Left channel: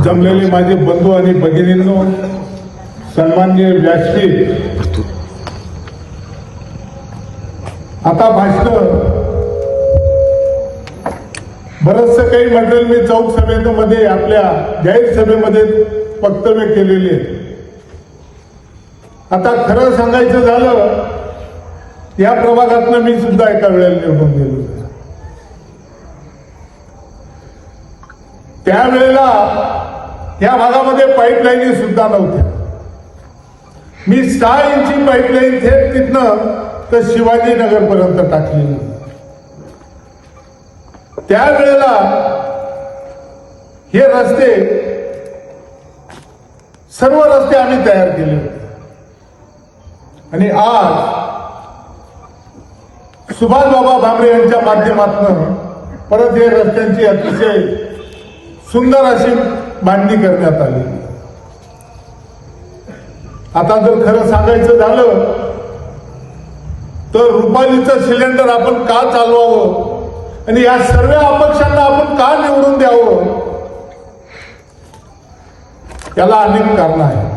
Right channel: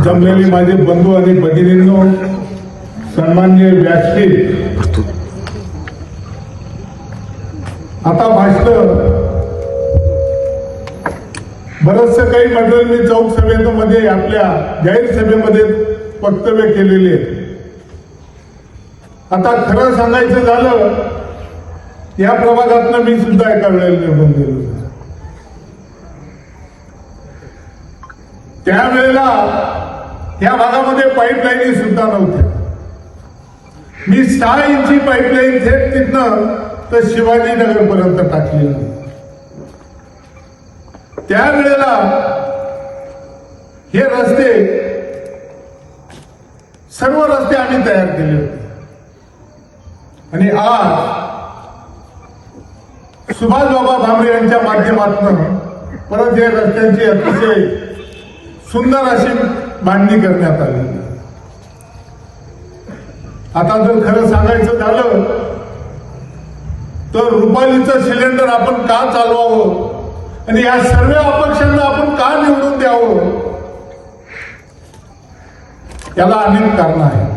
जमलेले माझे बंधू आणि भगिनींनो, सन्माननीय व्यासपीठ, आता भाषण बरंचसं काही मंडळ मी चौक सभेमध्ये आपल्या जाहीर सभेमध्ये वक्तव्य केलेले. आता खरं सांगायचं झालं, या प्रभागातनं मी सुद्धा एका वेळेला निवडून गेलो. त्यावेळेला या भागामध्ये पाईपलाईन सुद्धा नव्हत्या. मी 6 इंची पाईपलाईन थेट तिथनं तर शिवाजीनगर पर्यंत टाकलेली. त्यावेळेला हे रस्ते, सर्व रस्ते आम्ही तयार केले होते. आणि आज सुभाषबाबा भामरे यांच्या माध्यमातून परत हे रस्त्यांची अतिशय सुंदर अशी बांधणी करण्यात आली. आता जर खरं सांगायचं झालं तर रुपालीचं सिलेंडर आपण का चालवावं आणि या सर्व अपक्षांना आपण का निवडून द्यावं, याला अनेक कारणं आहेत.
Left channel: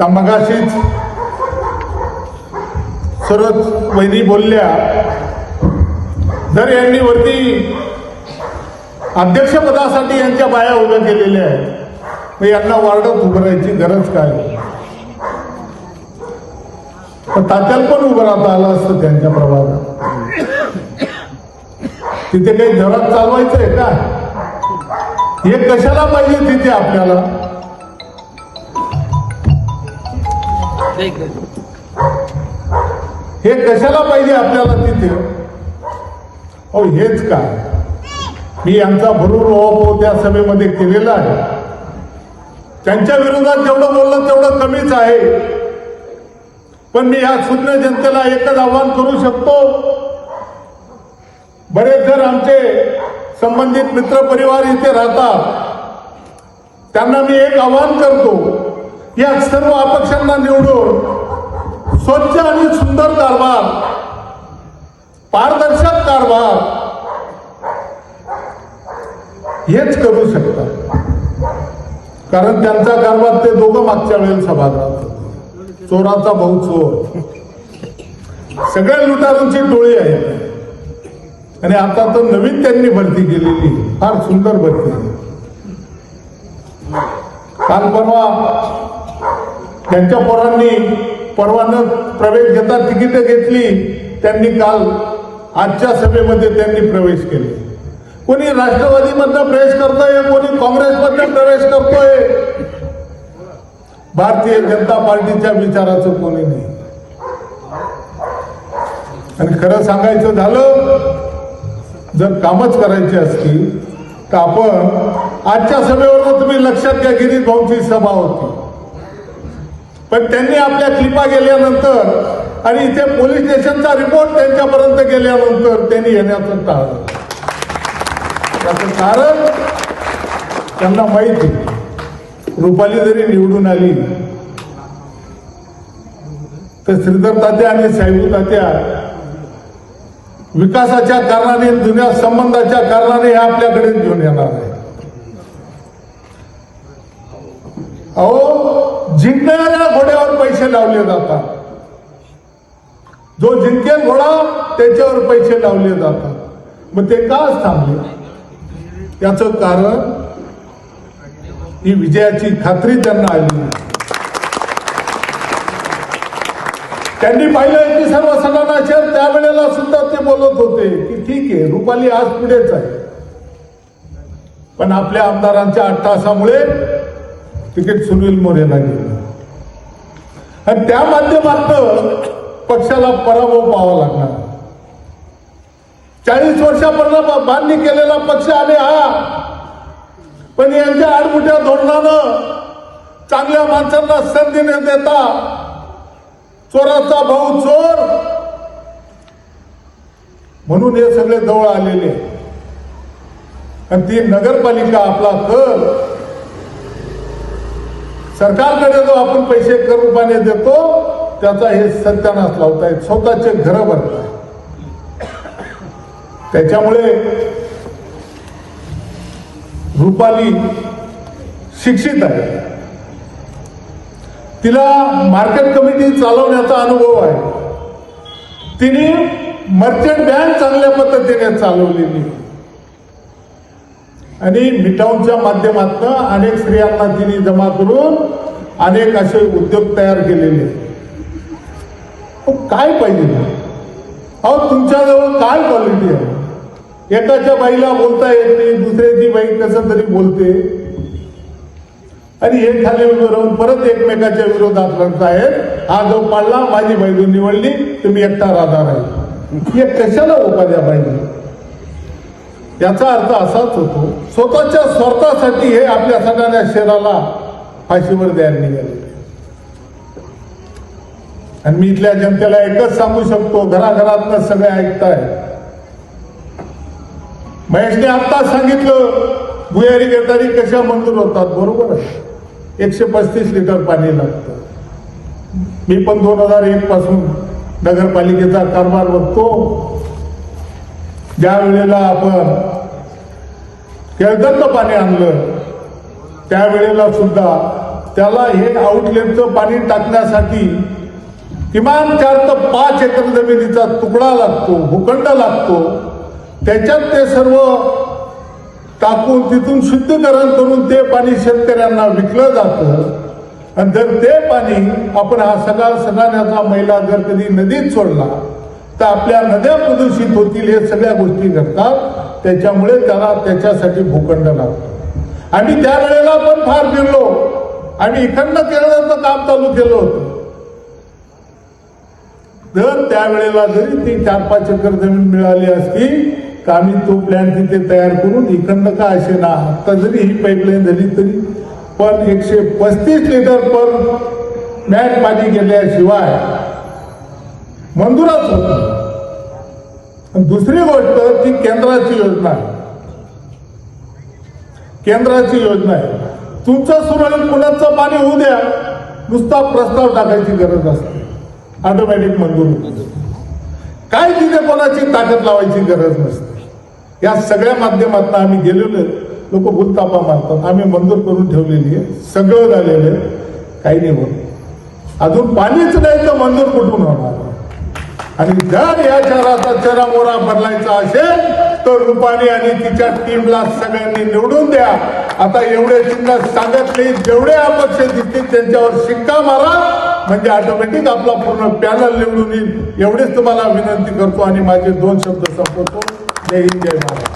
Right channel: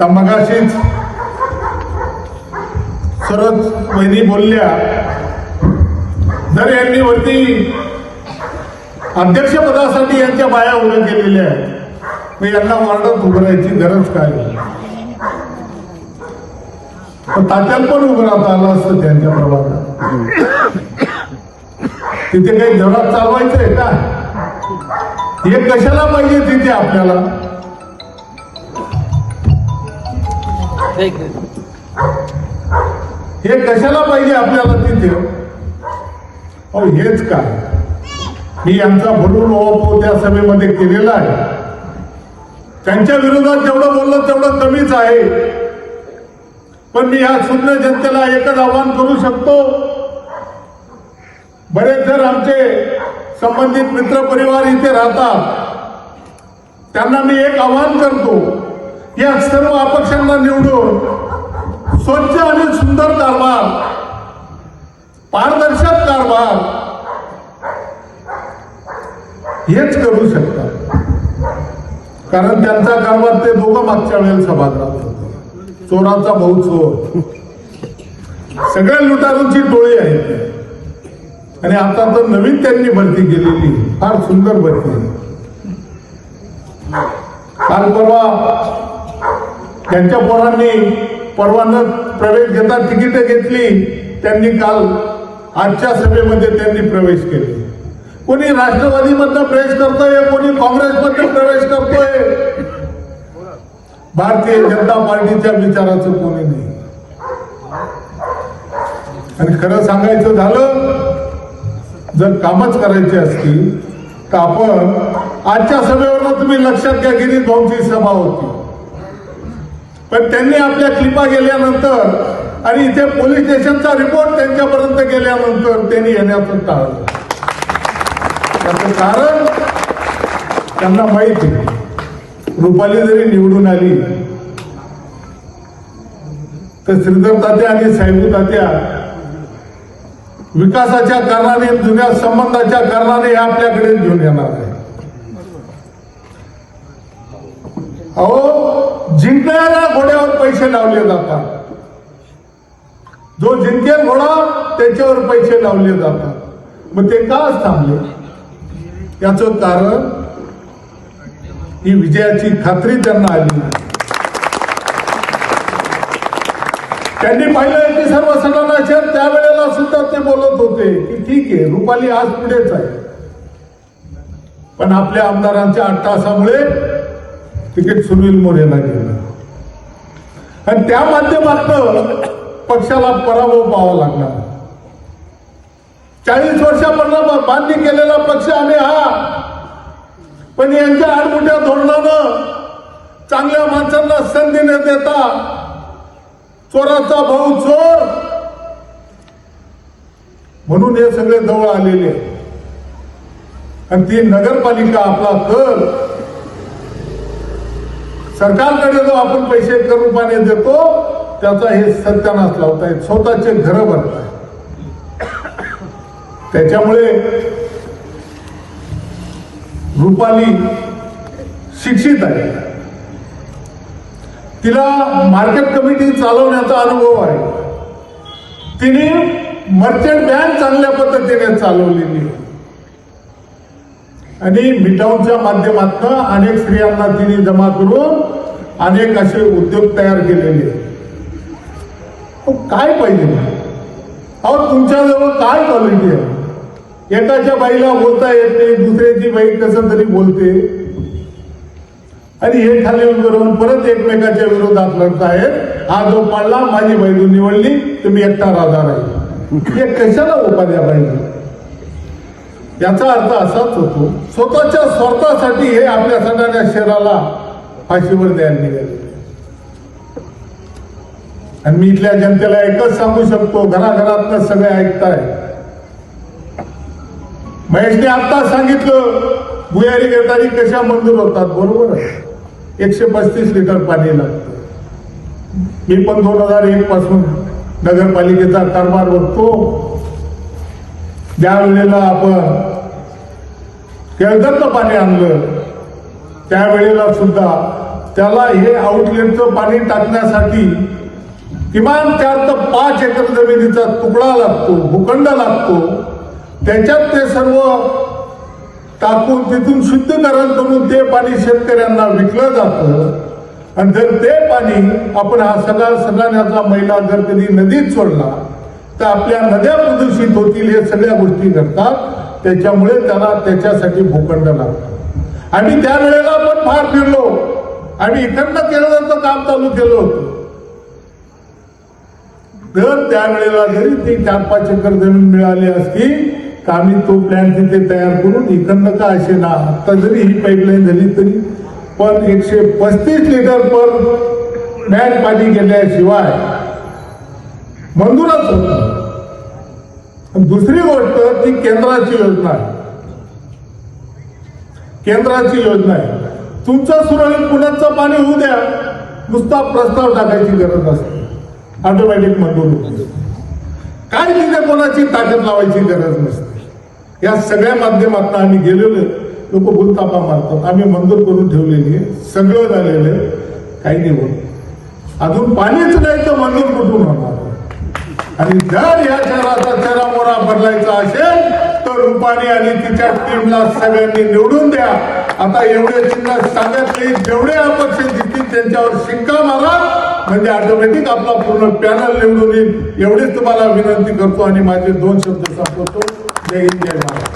तर मगाशीच सरच वहिनी बोलल्या, जर यांनी वरती अध्यक्षपदासाठी यांच्या बाया उभ्या केलेल्या आहेत, मग यांना वार्डात उभं राहायची गरज काय? तात्याला पण उभं राहता आलं असतं त्यांच्या प्रभागात. तिथे काही घरात चालवायचंय का? हे कशाला पाहिजे तिथे आपल्याला? हे कशाला पाहिजे आपल्याला तिथे? हो, हेच काय मी यांचा भरून ओवापोह त्या सभेमध्ये केलेला आहे. त्यांच्या विरोधात जेवढं बोललं तेवढं कमीच आहे. पण मी या शून्य जनतेला एकच आवाहन करू शकतो. बरेच जर आमचे संबंधित मित्र परिवार इथे राहतात, त्यांना मी एक आवाहन करतो, या सर्व अपक्षांना निवडून स्वच्छ आणि सुंदर कारभार, पारदर्शक कारभार हेच करू शकतात. कारण त्यांचा कारभार ते दोघं मागच्या वेळेला सभागृहात होते. चोराचा भाऊ चोर, सगळ्या लुटारूची टोळी आहे. आणि आता तर नवीन त्यांनी भरती केलेली, फार सुंदर भरती. काल परवा त्यांच्या पोरांनी परवानं प्रवेश घेता तिकीट घेतली. त्यांनी काल आजच्या सभेमध्ये त्यांनी प्रवेश केले. कोणी राष्ट्रवादीमधनं प्रवेश करतोय, कोणी काँग्रेसमधनं प्रवेश करतोय. भारतीय जनता पार्टीच्या विचाराचं कोणी नाही. आणि खरं सांगायचं झालं, जर कामच करायची असतील तर आपण आजच्या सभेवर तुम्ही लक्षात घ्या, गिरीश भाऊंची सभा होती, पण त्यांनी आपल्या क्लिपा गेल्यानंतर आणि इथे पोलीस स्टेशनचा रिपोर्ट त्यांच्यापर्यंत गेल्यानंतर त्यांनी येण्याचं टाळलं. त्याचं कारण त्यांना माहिती आहे, रुपाली जरी निवडून आली तर श्रीधर तात्या आणि साहेबू तात्या विकासाच्या कारणाने, जुन्या संबंधाच्या कारणाने हे आपल्याकडे घेऊन येणार आहे. अहो, जिंकणाऱ्या घोड्यावर पैसे लावले जातात. जो जिंकेल घोडा त्याच्यावर पैसे लावले जातात. मग ते का थांबले? याचं कारण ही विजयाची खात्री त्यांना आली. त्यांनी पाहिलं की सर्व सदनाचे त्यावेळेला सुद्धा ते बोलत होते की ठीक आहे, रुपाली आज पुढेच आहे. पण आपल्या आमदारांच्या अट्टहासामुळे तिकीट सुनील मोरेला गेलं आणि त्या माध्यमातून पक्षाला पराभव पाहावा लागला. 40 वर्षापर्यंत बांधणी केलेला पक्ष आम्ही हा, पण यांच्या आडमुठ्या धोरणानं चांगल्या माणसांना संधी न देता चोराचा भाऊ चोर म्हणून हे सगळे जवळ आलेले. आणि ती नगरपालिका आपला कर सरकारकडे जो आपण पैसे कर रूपाने देतो त्याचा हे सत्यानाश लावतायत, स्वतःचे घर भरतात. त्याच्यामुळे रुपाली शिक्षित आहे, तिला मार्केट कमिटी चालवण्याचा अनुभव आहे, तिने मर्चंट बँक चांगल्या पद्धतीने चालवलेली आहे आणि मिटाऊनच्या माध्यमातून अनेक स्त्रियांना तिने जमा करून अनेक असे उद्योग तयार केलेले. काय पाहिजे? अहो तुमच्याजवळ काय क्वालिटी आहे? एकाच्या बाईला बोलता येत नाही, दुसऱ्याची बाई कसं तरी बोलते आणि हे खाली करून परत एकमेकाच्या विरोधात लढतायत. हा जो पाडला माझी बायको निवडली तर मी एकटा राहणार आहे. हे कशाला उपाध्या पाहिजे? याचा अर्थ असाच होतो, स्वतःच्या स्वार्थासाठी हे आपल्या सगळ्या शहराला फाशीवर द्यायला निघाले. आणि मी इथल्या जनतेला एकच सांगू शकतो, घराघरातनं सगळे ऐकताय. महेशने आता सांगितलं भुयारी गटारी कशा मंजूर होतात. बरोबर आहे, 135 लिटर पाणी लागतं. मी पण 2001 पासून नगरपालिकेचा कारभार बघतो. ज्या वेळेला आपण केळदरचं पाणी आणलं त्यावेळेला सुद्धा त्याला हे आउटलेटचं पाणी टाकण्यासाठी किमान 4 ते 5 एकर जमिनीचा तुकडा लागतो, भूखंड लागतो. त्याच्यात ते सर्व टाकून तिथून शुद्धीकरण करून ते पाणी शेतकऱ्यांना विकलं जातं. आणि जर ते पाणी आपण हा सगळ्याचा मैला जर कधी नदीत सोडला तर आपल्या नद्या प्रदूषित होतील. हे सगळ्या गोष्टी घडतात. त्याच्यामुळे त्याला त्याच्यासाठी भूखंड लागतो. आम्ही त्यावेळेला पण फार फिरलो. आम्ही इकडनं केळदरचं काम चालू केलं होतं. तर त्यावेळेला जरी ती 4-5 एकर जमीन मिळाली असती तर आम्ही तो प्लॅन तिथे तयार करून इकडनं का असे ना आता जरी ही पाईपलाईन झाली तरी पण 135 लिटर पर मॅच पाणी गेल्याशिवाय मंजूरच होत. दुसरी गोष्ट ती केंद्राची योजना आहे. केंद्राची योजना आहे. तुमचं सुरळीत पुण्याचं पाणी होऊ द्या, नुसता प्रस्ताव टाकायची गरज असते, ऑटोमॅटिक मंजूर होतो. काय तिथे कोणाची ताकद लावायची गरज नसते. या सगळ्या माध्यमातून आम्ही गेलेलो आहे. लोक भूलतापा मारतात. आम्ही मंजूर करून ठेवलेली आहे, सगळं झालेलं आहे, काही नाही होत. अजून पाणीच नाही तर मंजूर कुठून होणार? आणि जर या शहराचा चरामोरा बदलायचा असेल तर रुपाली आणि तिच्या टीमला सगळ्यांनी निवडून द्या. आता एवढे चिन्ह सांगितले, जेवढे अपक्ष जिंकतील त्यांच्यावर शिक्का मारा, म्हणजे ऑटोमॅटिक आपला पूर्ण पॅनल निवडून येईल. एवढेच तुम्हाला विनंती करतो आणि माझे 2 शब्द संपवतो. जय हिंद, जय महाराष्ट्र.